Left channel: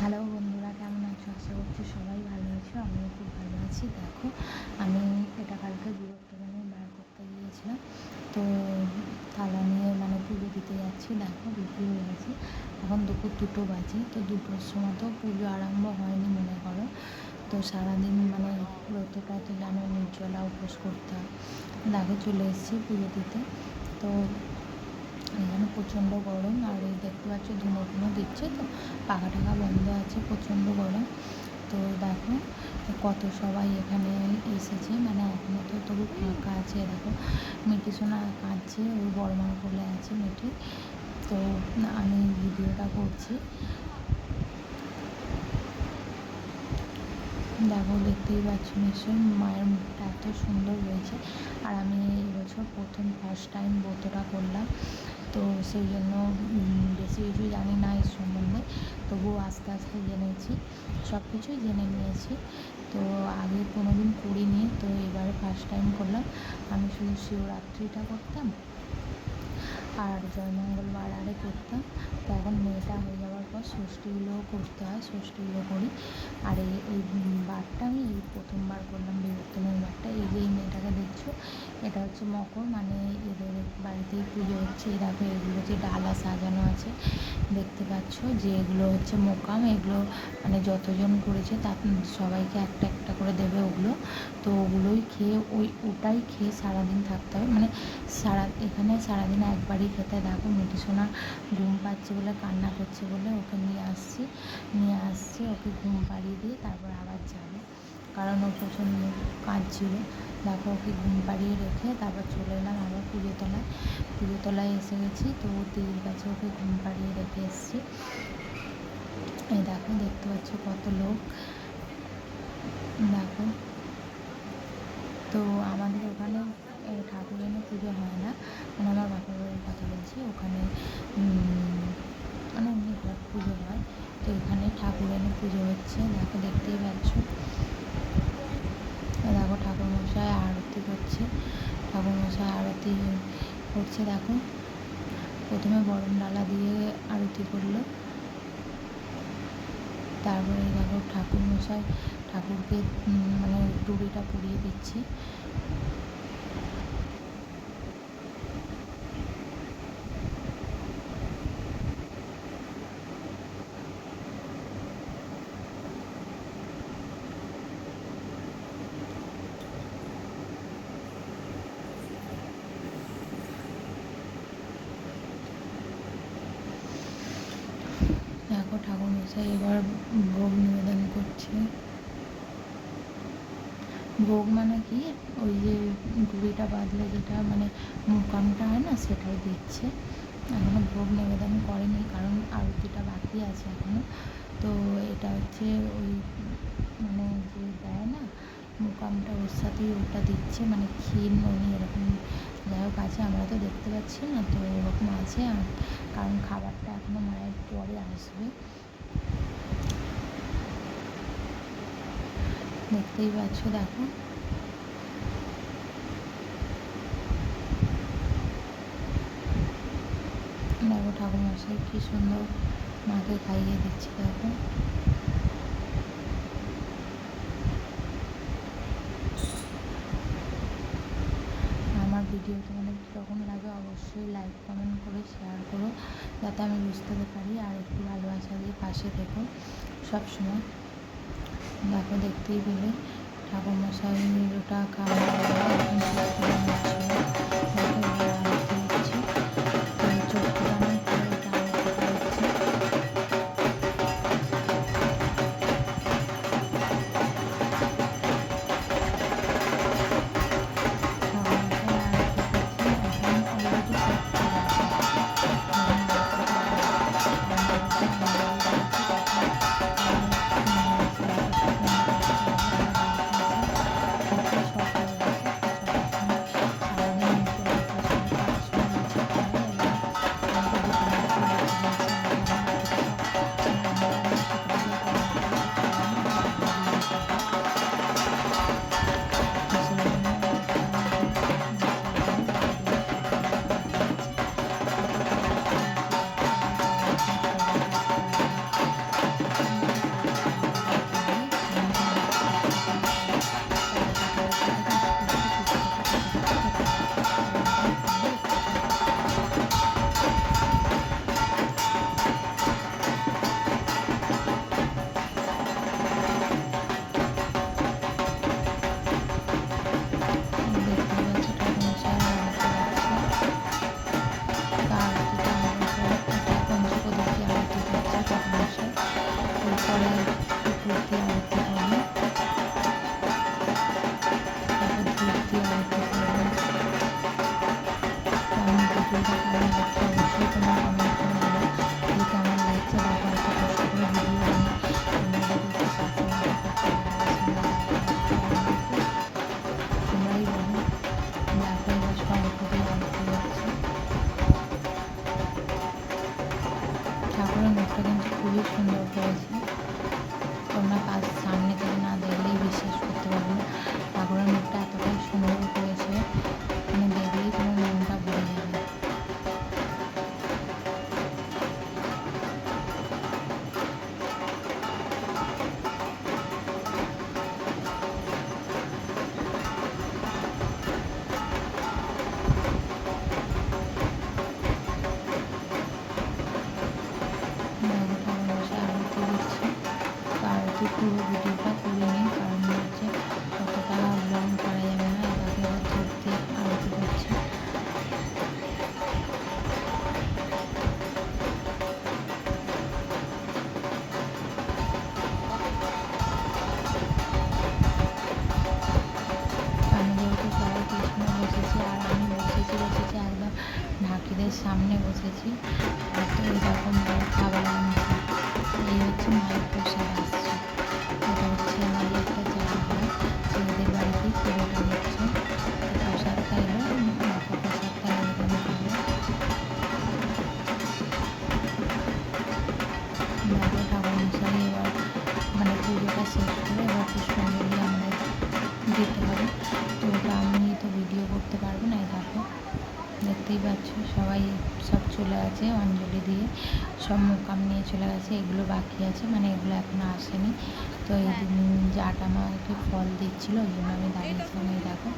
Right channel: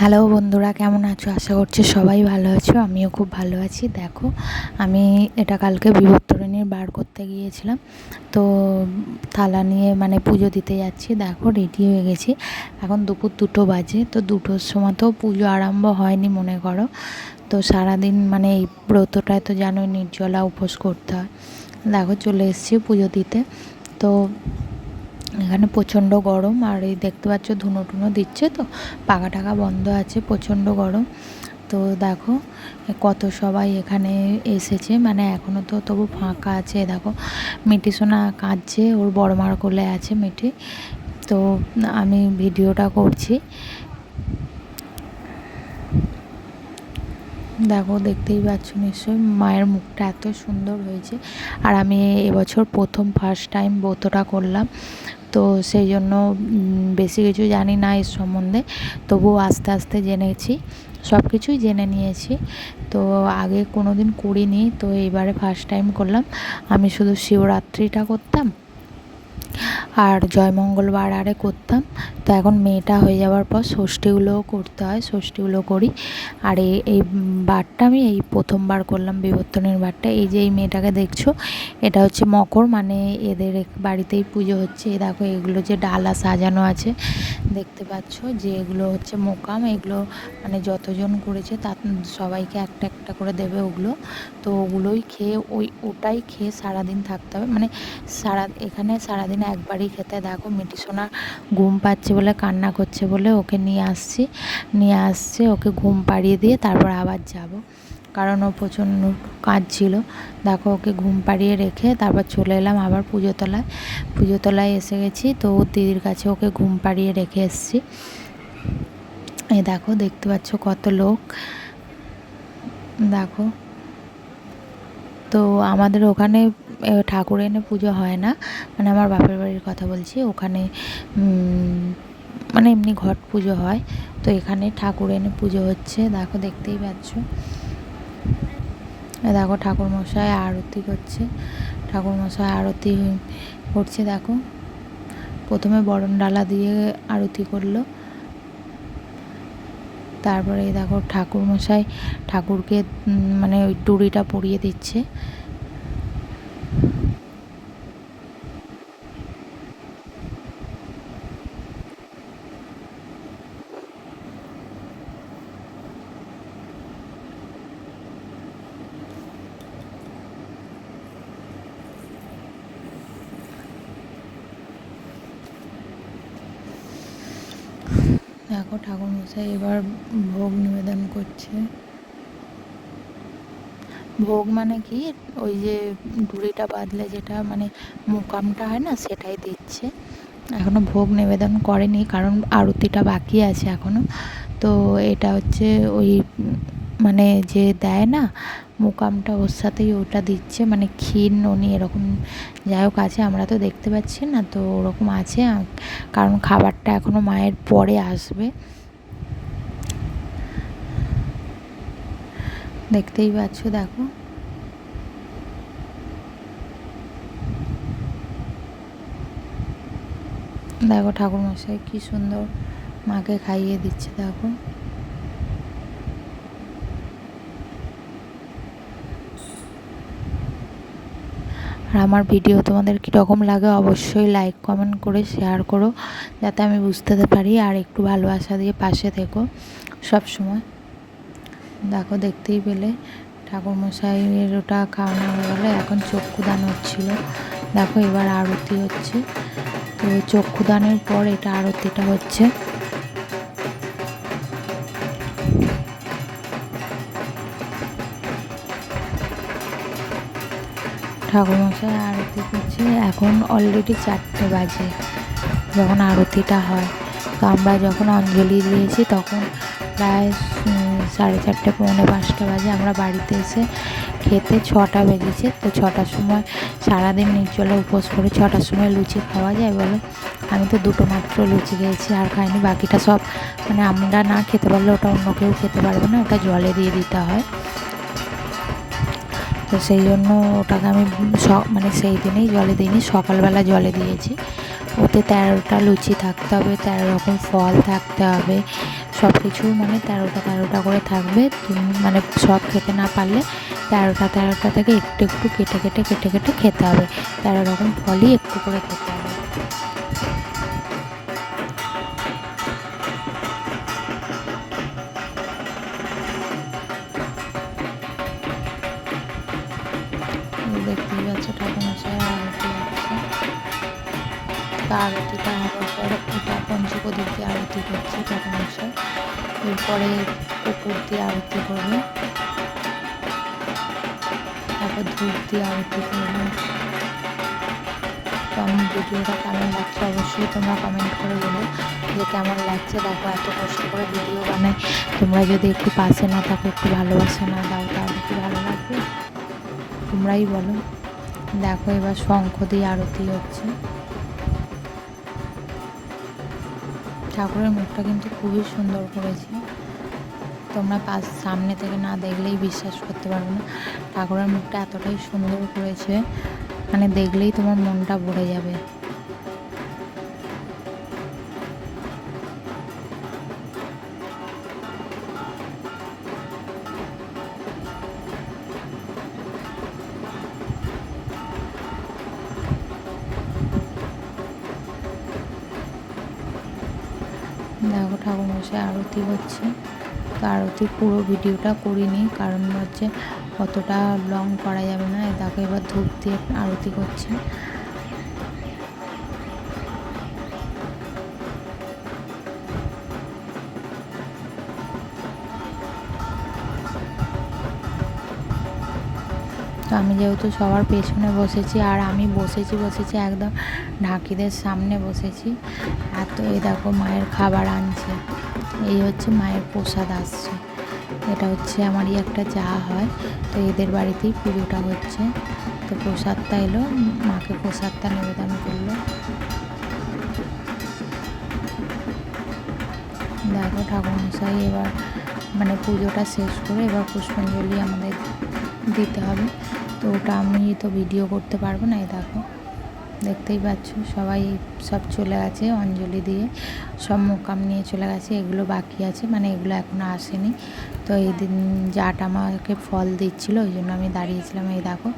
Hello বন্ধুরা, কেমন আছো? আশা করছি সবাই ভালো আছো। আমিও খুব ভালো আছি। দেখো, আমি এটা কালকে বিবর্তরণীর বার করতে গিয়েছিলাম। তো থালা নিয়ে মানে পুজো দিতে যাচ্ছি। দেখো রেডি হয়ে গেছি। এখন দুপুর দুটো বাজে। তো দুটোর সময় তো পুজো আরম্ভ হয়নি, মনে করো। তো সারাদিন মানে এই ব্রতটায় তো জানোই, নির্জলা উপোস করতে হয়। দেখো, চলে এসেছি পুজো দিতে। তো এখানে প্রচণ্ড গরম আর এই দেখতে পাচ্ছ ধুনো টুনো দিচ্ছে তো পাখা টাকা বন্ধ আছে, প্রচণ্ড গরম। তো দেখো, কত সবাই এখানে এসেছে মানে এখনও তো তবু ফাঁকা আছে, দেখো। মিটি সোনা কাঁদছে, ওর বড় মার কোলে আছে মিটি তো আমি ভিডিওটা করছি। দেখো, দেখতেই পাচ্ছ নিশ্চয়ই, মায়ের মুখটা এত সুন্দর হয়েছে। আর আমি এবছর প্রথম ফার্স্ট টাইম ব্রতটা করলাম। তো সেই জন্য বেশি কিছু জানি না এর সম্বন্ধে। তবুও আস্তে আস্তে জেনেছি সব কিছুই জেনে নিয়েছি। তো আগে কোনো দিন করিনি, তো এইবারে ফার্স্ট টাইম করলাম। আমি শুধু শিবরাত্রিটা করতাম। আর জয়মঙ্গলবার আরে করতাম। তো এখন মেয়েটা হয়ে যাওয়ার পর ষষ্ঠীগুলোও করতে হয়, ষষ্ঠীগুলো করি। আর এই বারটা আমি এই প্রথমবার করলাম, বিবর্তনের বারটা। এই যে এই মেয়েটাকে দেখছ, এটা হচ্ছে মকর মানে এদের বাড়িতেই পুজো হচ্ছে। এ দেখো, এগুলো যে ডালা সাজানো আছে, দেখতে পাচ্ছ যে এগুলো হচ্ছে মোকাম। এগুলো মানে যতজন করেছে তার সবাইকে একটা একটা করে দেবে ওগুলো। তো ওগুলোই খেয়ে, ওই ওটাই খেয়ে সারাদিন থাকতে হবে। মানে সারা, এখানে সারাদিন একবারই খেতে দেখো মিটি ঘুম পাচ্ছে বলে, কান্না করছে বলে ওকে নিয়ে আসছি। নিয়ে আসছে, ওকে ঘুম পাড়িয়ে দিয়ে তারপর আবার যাব। কারণ ও প্রচণ্ড কাজ ছিল দেখো ওকে ঘুম পাড়িয়ে রেখে তারপর চলে এলাম আবার পুজোতলায়। পুজোতলায় এসে গেছি তো দিদির কাছে ওকে ঘুম পাড়িয়ে রেখে এসেছি। এই দেখো দেখতে পাচ্ছ কত লোক। দেখো তো আমাদের ওখানে ঠাকুর এনে পুজো হয় না। মানে আমার বাপের বাড়ির কথা বলছি, ওখানে মানে এমনি ঘট পুজো হয়। তো এখানে ঠাকুর এনে পুজো হচ্ছে, দেখো দেখতেই পাচ্ছ। দেখো ঠাকুর মশাই আরতি করছে ঠাকুর মশাই আরতি করছে, দেখো। প্রথমে বরণ ডালা দিয়ে আরতি করল। তারপরে দেখো ঠাকুর মশাই ঠাকুরকে মানে ওই টুরিটা পরিয়ে দিচ্ছে। দেখো ঠাকুর মশাই এবার ভোগ নিবেদন করছে। ভোগ মানে কি? ওই যে ডুরিটা বাঁধলে যেটা মানে মোকামটা হয় না, সেটাই দিচ্ছে। এখনও ভোগ নিবেদন করেনি, কারণ আরতিটা বাকি আছে এখনও তো এটা হচ্ছে ওই মানে যে দেয় না, মোকামটা ওর সাথেই ওটা দিচ্ছে মানে ক্ষীর ননি এরকম। যাই হোক আছে, আমরা তো দেখতে পাচ্ছি না, তো ওরকম আছে কারণ খাবারটা এখনও মায়ের পরে আসবে। দেখতেই পাচ্ছ, দেখো। দেখো ঠাকুরমশাই কি সুন্দর মাকে খাইয়ে দিচ্ছে, দেখো। আর আমার ভিডিও তোমাদের কীরকম লাগে অবশ্যই লাইক কমেন্ট করে শেয়ার করো, যাতে আমি বুঝতে পারি আর একটু ভালোবাসা দিয়ে পাশে থেকো সব সময়। দেখো, দেখতেই পেলে ঠাকুরমশাইয়ের ওটা খাওয়ানো হয়ে গেলো এখন চক্ষুদান হচ্ছিল। দেখো, এবার আরতি হচ্ছে। চক্ষুদানের পর এটা আরতিটা হচ্ছে। ঠাকুরমশাই আরতি করছে? এখন অলরেডি চারটে বাজে, যখন আরতিটা হয়। তো আমরা যখন অঞ্জলি দিয়েছি, তখন প্রায় সাড়ে চারটে, পৌনে পাঁচটা বাজে আমরা বাড়িতে এসে খেতে ছটা বেজেছে। তো ছটার সময় সারাদিন নির্জলে উপোস করে ছটার সময় লুচি খাওয়া যায় বলে। আমি তো দুটো মাত্র লুচি খেয়েছি, আর খাইনি, বাকিটা সব মানে আমরা না খেতে পারলে ওটা অন্য কেউ খেতে পারবে না, ওটা জলে দিয়ে দিতে হয়। তো সেই জন্য ওটাকে আমি মানে সেই দিনেই জলে দিইনি, সকালবেলা জলে দিয়েছি। ওতে তেরোটা লুচি থাকতে হবে, তেরো রকম ফল থাকতে হবে সব কিছু মানে তেরোটা তেরোটা করে থাকবে। মানে সব খেতে না পারলে তেরোটা তেরোটা থেকে একটু একটু কেটে কেটে কেটে কেটে খেতে হবে। তেরো রকম ফলই একটু করে খেতে হবে। এরপরে কুকুর দিয়ে আরতি করবে তারপর ধূপ দিয়ে আরতি করবে আমার ভিডিওটা কেমন লাগছে অবশ্যই তোমরা কমেন্ট করে বলো। যে কেমন লাগছে দেখো, এত কষ্ট করে ভিডিও বানাই। তোমরা যদি একটু পাশে না থাকো, একটু ভালোবাসা না দাও, তাহলে ভালো লাগবে তোমরাই বলো। দেখো এবার শঙ্খ দিয়ে আরতি হচ্ছে। ঠাকুরের মুখটা কিন্তু খুবই সুন্দর করেছে। তোমরা পাশ সামনে থেকে না দেখলেই বিশ্বাস করতে পারবে না। ঠাকুরের মুখটা এতটাই সুন্দর করেছে মানে দেখলেই তোমার মনটা ভরে যাবে। দেখো ঠাকুর মশাই আরতি হচ্ছে। তো আরতি পুরো ভিডিওটা করিনি কারণ হচ্ছে অতটা লং করা যাবে না। দেখো এবার ধূপ দিয়ে আরতি করছে। আমি যেহেতু সবার পেছনে বসেছি, আর আমি বসেছি বসেছি একদম ঢাকিদের সামনে বসেছি, আর তো এই দেখো মায়ের খাবার আনছে। এই হচ্ছে মায়ের প্রসাদ আসছে। এটা হচ্ছে আমারই একটা যা হয়, তো এদের বাড়িতেই পুজোটা হচ্ছে। তো প্রসাদটা এলো, মাকে প্রসাদটা নিবেদন করল। দেখো ঠাকুরমশাই, এবার মানে পুজোটা শেষ করে এবার পুষ্পাঞ্জলি আমাদের দিতে হবে। তো ওটা আমি তো ভিডিও করতে পারব না, এই দেখো। দেখতেই পাচ্ছ, সবাই সব চলে গেছে, অঞ্জলি দিয়ে। সব মোকাম নিয়ে চলে গেছে, এগুলো বাকি আছে মানে এগুলো এখনও আসেনি। তো এই দিন জাট আমাকে ফল দিচ্ছিল, ওই জন্য আমি দাঁড়িয়েছিলাম, এই দেখো।